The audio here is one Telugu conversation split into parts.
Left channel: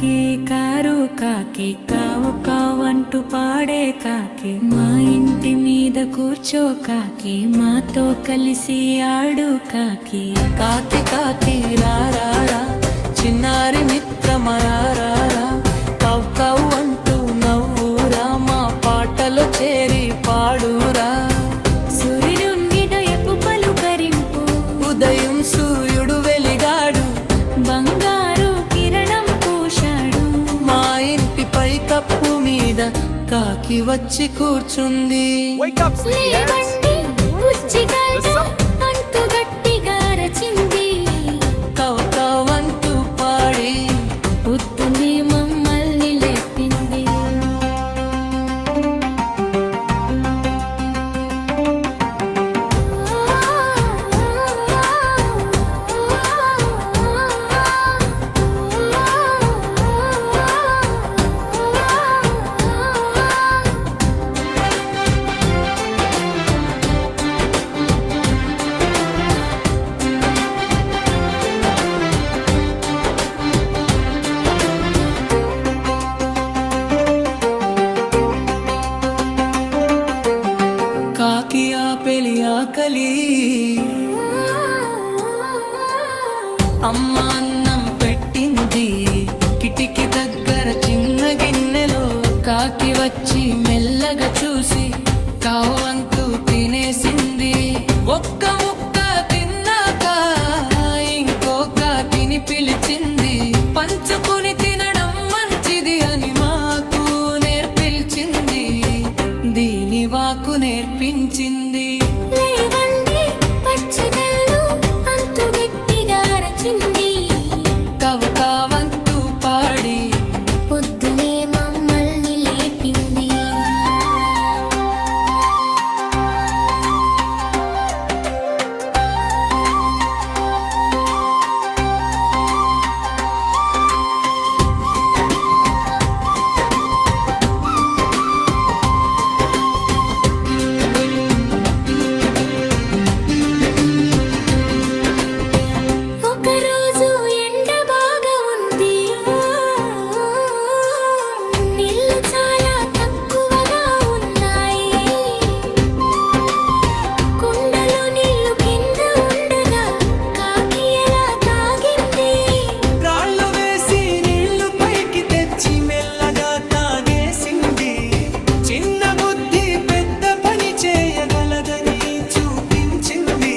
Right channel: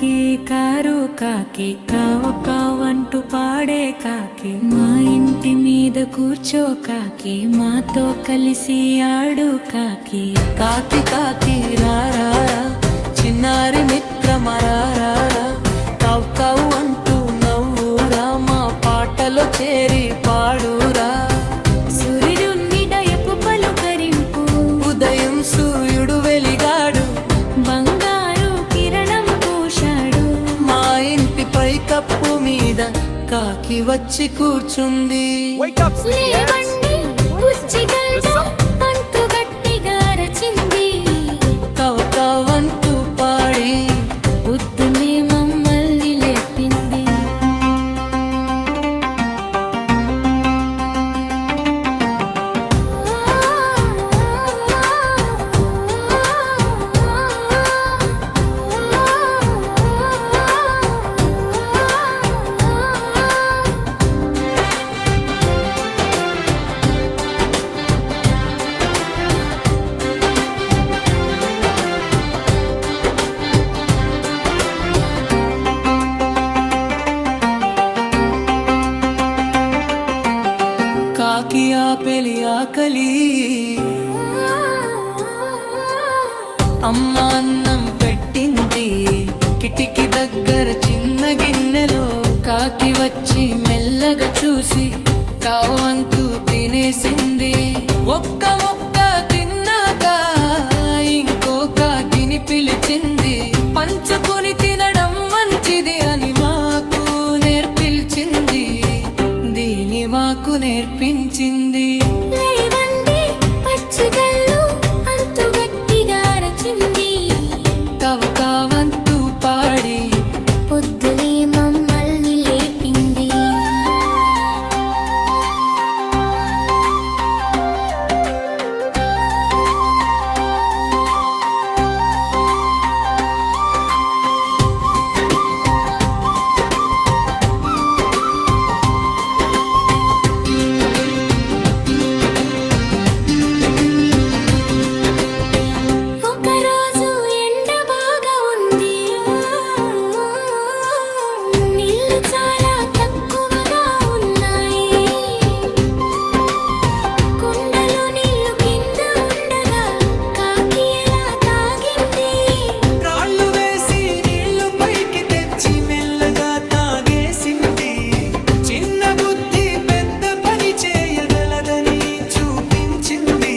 కాకి కారు కాకి కావు కావంటూ పాడే కాకి మా ఇంటి మీద కూర్చో కాకి మాతో కలిసి ఆడు కాకి. కాకి కాకి రారా చిన్నారి మిత్రమరారా కవ్ కవ్ అంటూ నవ్వురా మా పాటలో చేరి పాడురా. సూర్యుడి దయపు పలుకరింపు ఉదయం సూర్యుడు వెలిగాడు బంగారు కిరణం పూశాడు. మా ఇంటిపై కప్పు మీద కాకి వచ్చి కూర్చుంది. లేవండి బుజ్జిగాడు అంటూ గట్టిగా అరచింది. కవ్ కవ్ అంటూ పాడి పొద్దునే మమ్మల్ని లేపింది. కాకి ఆపెలి ఆకలి అమ్మ అన్నం పెట్టింది. కిటికీ దగ్గర చిన్న గిన్నెలో కాకి వచ్చి మెల్లగా చూసి కావంతు తినేసింది. ఒక్క ముక్క తిన్నాక ఇంకో కాకిని పిలిచింది. పంచుకుని తినడం మంచిది అని మాకు నేర్పించింది. దీని వాకు నేర్పించింది. లేవండి పచ్చిగల్లు అంటూ గట్టిగా అరచింది. కవ్ కావంతు పాడి పొద్దునే మమ్మల్ని లేపింది. ఒకరోజు ఎండ బాగా ఉంది. నీళ్లు చాలా తక్కువగా ఉన్నాయి. కుండలో నీళ్లు కింద ఉండగా కాకి ఎలా తాగింది. రాళ్ళు వేసి నీళ్లు పైకి తెచ్చి మెల్లగా తాగేసింది. చిన్న బుద్ధి పెద్ద పని చేయగలదని చూపించింది.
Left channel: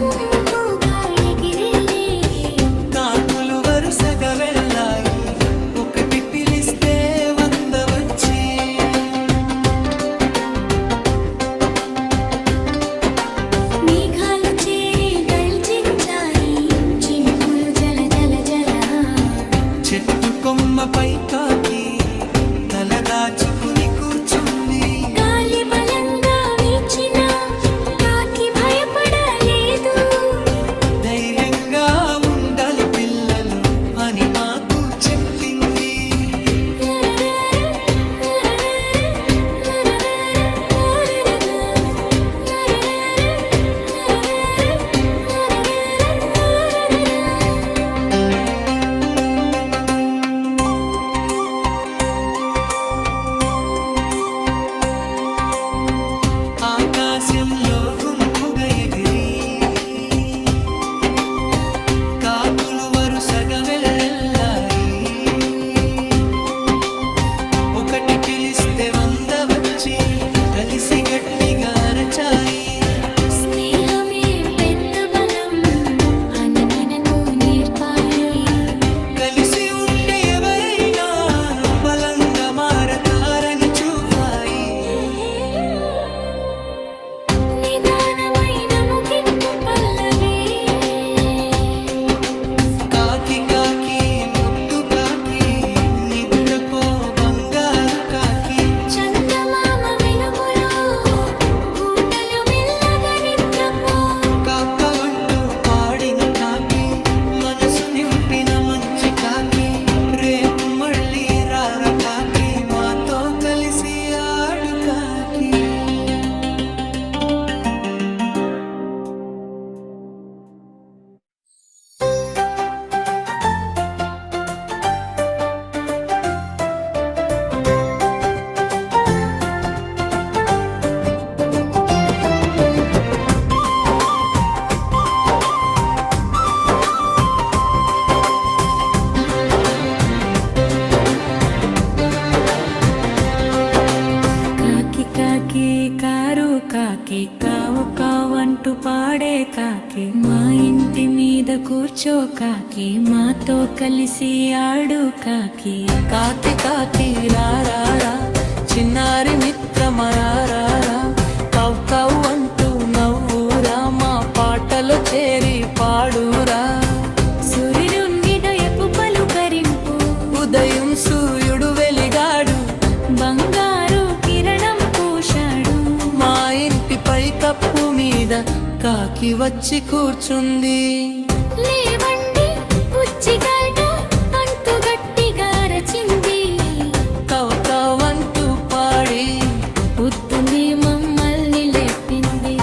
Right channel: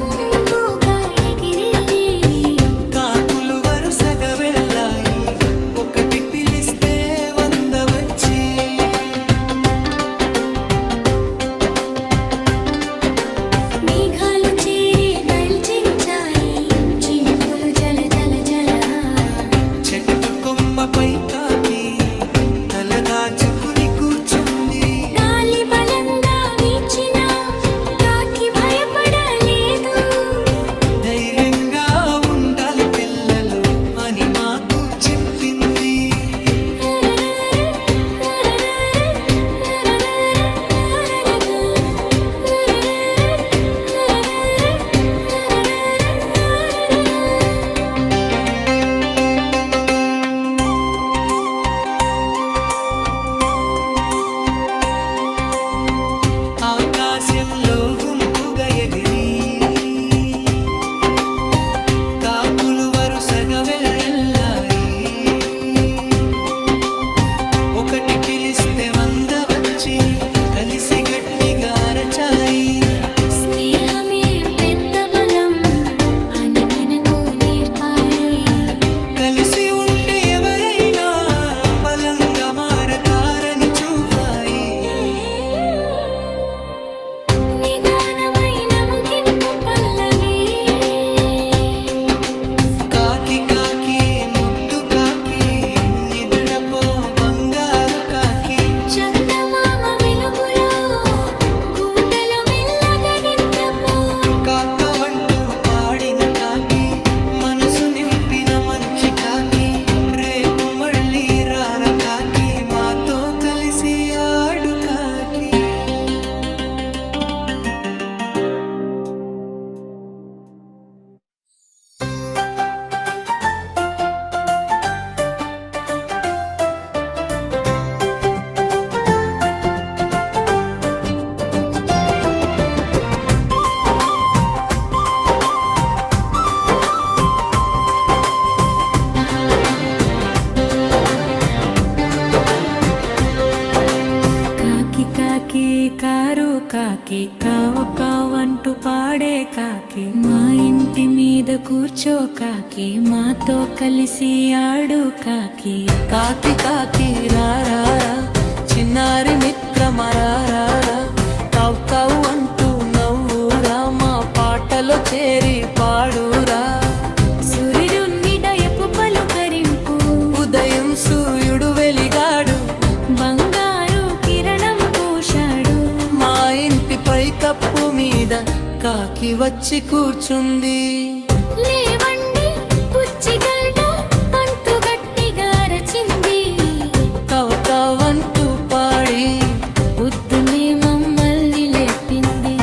గుంపుగా ఎగిరింది. కాకులు వరుసగా వెళ్ళాయి. ఒకటి పిలిస్తే 100 వచ్చి మేఘాలు చేరి గర్జించాయి. చినుకులు జల జల జల. చెట్టు కొమ్మపై కాకి తల దాచుకుని కూర్చుంది. గాలి బలంగా వీచినా కాకి భయపడలేదు. ధైర్యంగా ఉండాలి పిల్లలు అని మాకు చెప్పింది. ఆకాశంలో గుంపుగా ఎగిరి కాకులు వరుసగా వెళ్ళాయి. ఒకటి పిలిస్తే 100 వచ్చి కలిసి గట్టిగా అరచాయి. స్నేహమే పెద్ద బలం అని మనకు నేర్పాలి. కలిసి ఉంటే ఎవరైనా బలంగా మారతారని చూపాయి. నిదానమైన ముగింపు పల్లవి. కాకి కాకి ముద్దు కాకి నిద్రపో బంగారు కాకి. చందమామ వెలుగులో గూటలో మెల్లగా నిద్రపో. కాకవంటూ పాడిన కాకి మనసు నింపిన మంచి కాకి. రేపు మళ్ళీ రార కాకి మాతో కలిసి ఆడు కాకి. కారు కాకి కావు కావంటూ పాడే కాకి మా ఇంటి మీద కూర్చో కాకి మాతో కలిసి ఆడు కాకి. కాకి కాకి రారా చిన్నారి మిత్రమరారా కవ్ కవ్ అంటూ నవ్వురా మా పాటలో చేరి పాడురా. సూర్యుని దయపు పలుకరింపు ఉదయం సూర్యుడు వెలిగాడు బంగారు కిరణం పూశాడు. మా ఇంటి పై కప్పు మీద కాకి వచ్చి కూర్చుంది. లేవండి పుచ్చిగడ్డ అంటూ గట్టిగా రచింది. కవ్ కవ్ అంటూ పాడి పొద్దునే మమ్మల్ని లేపింది.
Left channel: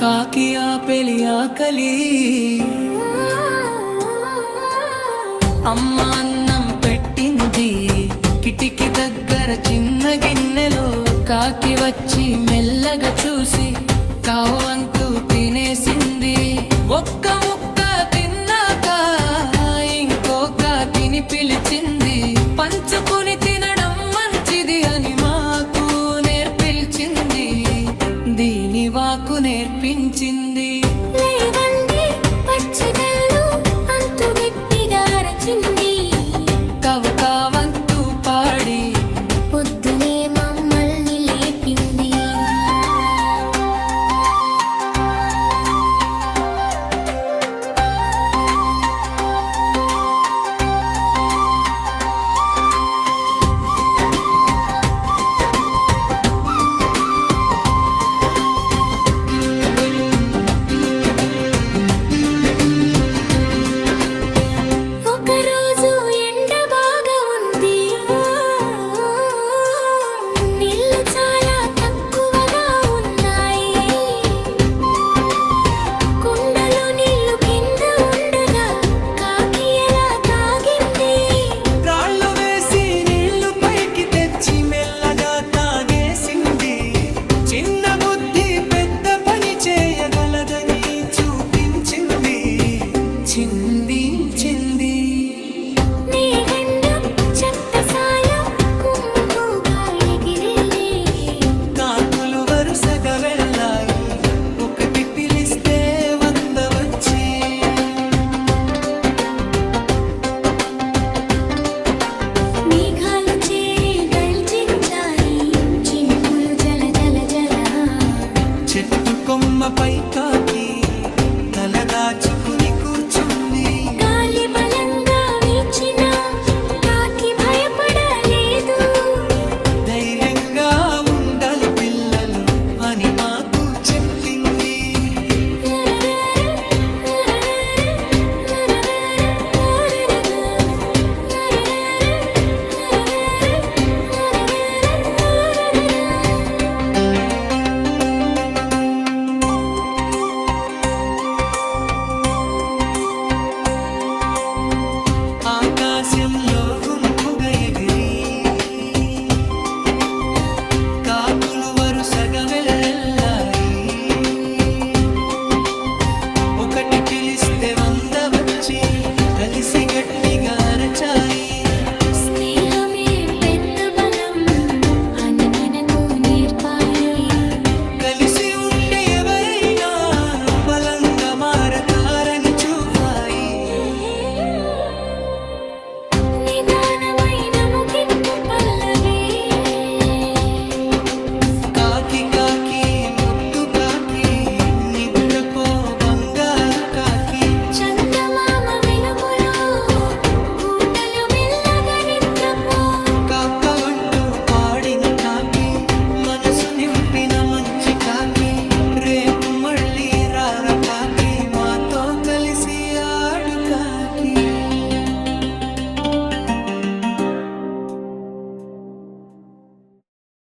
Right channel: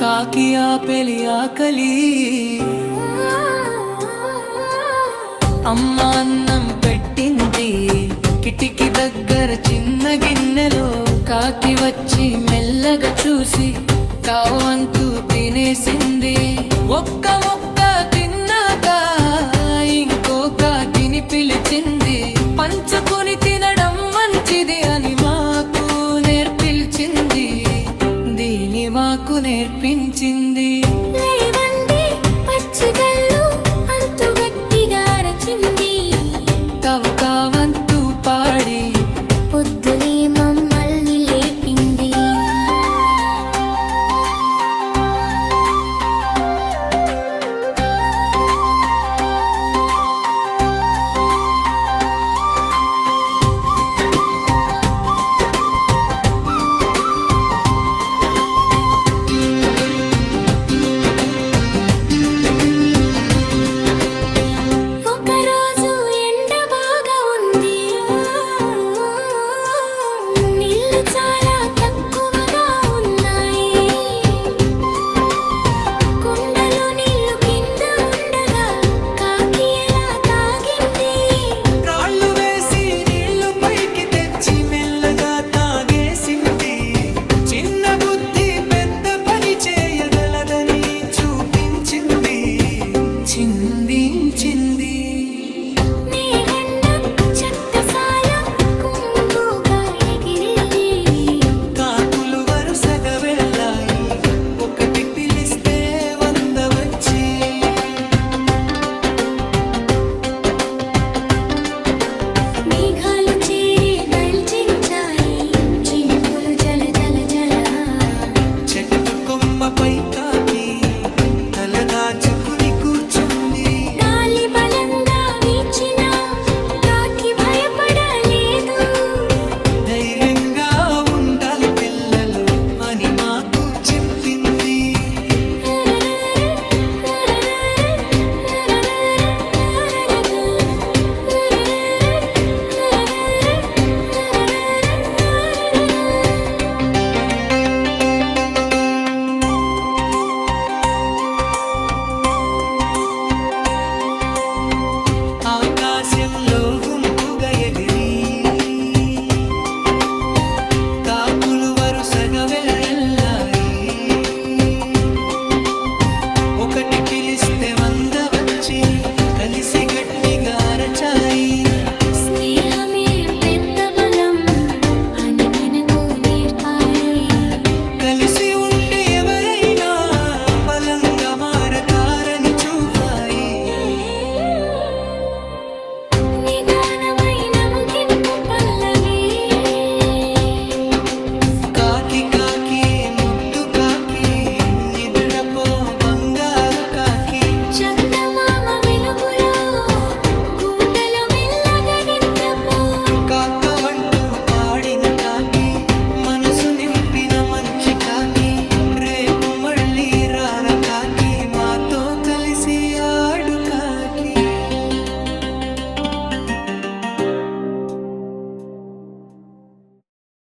కాకి ఆపెలి ఆకలి అమ్మ అన్నం పెట్టింది. కిటికీ దగ్గర చిన్న గిన్నెలో కాకి వచ్చి మెల్లగా చూసి కావంతూ తినేసింది. ఒక్క ముక్క తిన్నాక ఇంకో కాకిని పిలిచింది. పంచుకుని తినడం మంచిది అని మాకు నేర్పించింది. దీని వాకు నేర్పించింది. లేవండి పచ్చిగళ్ళు అంటూ గట్టిగా రచింది. కవ్ కావంతూ పాడి పొద్దునే మమ్మల్ని లేపింది. ఒకరోజు ఎండ బాగా ఉంది. నీళ్లు చాలా తక్కువగా ఉన్నాయి. కుండలో నీళ్లు కింద ఉండగా కాకి ఎలా తాగింది. రాళ్ళు వేసి నీళ్లు పైకి తెచ్చి మెల్లగా తాగేసింది. చిన్న బుద్ధి పెద్ద పని చేయగలదని చూపించింది. చింది చింది నీగండం చెత్తసాల గుంపుగా ఎగిరేది. కాకులు వరుసగా వెళ్ళాయి. ఒకటి పిలిస్తే 100 వచ్చి మేఘాలు చేరి గర్జించాయి. చినుకులు జల జల జల. చెట్టు కొమ్మపై కాకి తల దాచుకుని కూర్చుంది. గాలి బలంగా వీచినా కాకి భయపడలేదు. ధైర్యంగా ఉండాలి పిల్లలు అని మాకు చెప్పింది. ఆకాశంలో గుంపుగా ఎగిరి కాకులు వరుసగా వెళ్ళాయి. ఒకటి పిలిస్తే 100 వచ్చి కలిసి గట్టిగా అరచాయి. స్నేహమే పెద్ద బలం అని మనకు నేర్పాయి. కలిసి ఉంటే ఎవరైనా బలంగా మారతారని చూపాయి. నిదానమైన ముగింపు పల్లవి. కాకి కాకి ముద్దు కాకి నిద్రపో బంగారు కాకి. చందమామ వెలుగులో గూటలో మెల్లగా నిద్రపో. కాకవంటూ పాడిన కాకి మనసు నింపిన మంచి కాకి. రేపు మళ్ళీ రారా కాకి మాతో కలిసి ఆడు కాకి.